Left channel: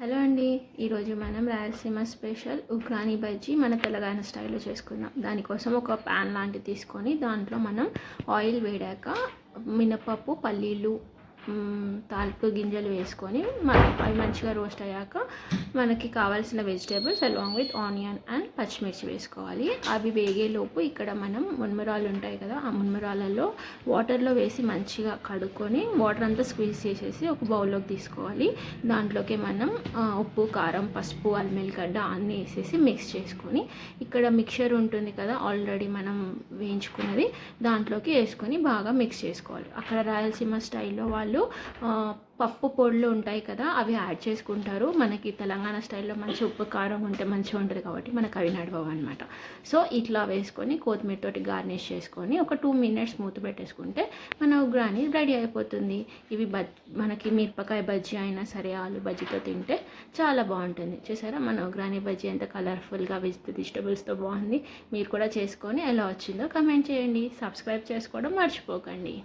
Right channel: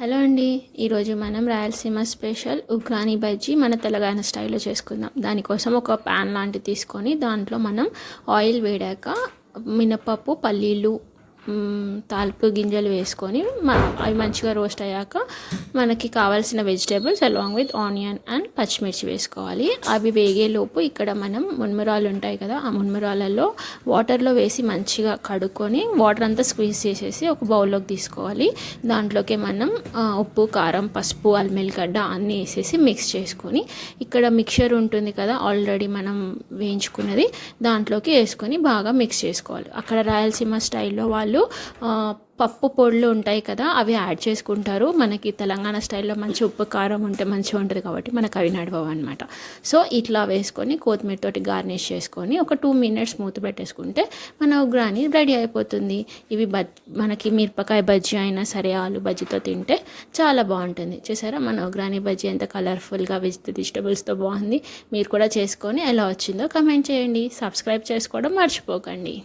Hello అండి. ఈరోజు మనం రాయలసీమ స్పెషల్ ఉగ్రాని బజ్జీ మన తెలంగాణ స్టైల్లో చేసుకుందాం. దానికోసం ఒక ప్యాన్ లాంటిది తీసుకొని దాంట్లో మనం ఆయిల్ వేడాక మినపప్పు, పల్లీలు, తాలింపు గింజలు వేసుకొని అవి మంచిగా రోస్ట్ అయ్యాక మనకి కావాల్సిన vegetables along with onion and పచ్చిమిర్చి వేసుకోవాలి. అవి వేగేలోపు ఇక్కడ మనం మున్మురాలు ఉంటాయి కదా, ఆ మున్మురాలలో వాటర్లో వేసి మంచిగా కడుక్కొని వాటర్ అంతా స్క్వీజ్ చేసేసి ఒక బౌల్లోకి తీసుకోవాలి. దాంట్లోకి మనం ఉప్పు, కారం, పసుపు, అల్లిగడ్డ అన్నీ వేసేసి మిక్స్ చేసుకొని ఇక్కడ మిక్చర్ ఉంటుంది కదా ఆల్రెడీ మనం వేయించుకున్నది, దాంట్లోకి వేసుకొని బాగా మిక్స్ చేసుకోవాలి. అక్కడ రాయలసీమ స్టైల్లో వాళ్ళు పప్పు పొడులు ఉంటాయి కదా, అవి యాడ్ చేసుకుంటారు. మనకి తెలంగాణ స్టైల్లో మంచి ఉప్పు కారం ఉంటే మంచిగా ఉంటుంది కాబట్టి మనకు అవి నడవవు అనమాట. సో ఇట్లా వేసుకొని కొత్తిమీరతోటి గార్నిష్ చేసుకొని ఒక 2 minutes మూత పెట్టేసుకుంటే మన ఉగ్రాని రెడీ అయిపోతుంది. ఇవి మనకి మిరపకాయ బజ్జీ అయినా సరే, ఆలు బజ్జీతో తింటే చాలా బాగుంటుంది. చూసారా మన ఉగ్రాని బజ్జీ ఎంత కలర్ఫుల్గా వెజిటబుల్స్తో బాగుంది. మీరు కూడా చేసుకొని ఎలా వచ్చిందో కమెంట్ చేయండి. సబ్స్క్రైబ్ చేసుకోవడం మర్చిపోకండి.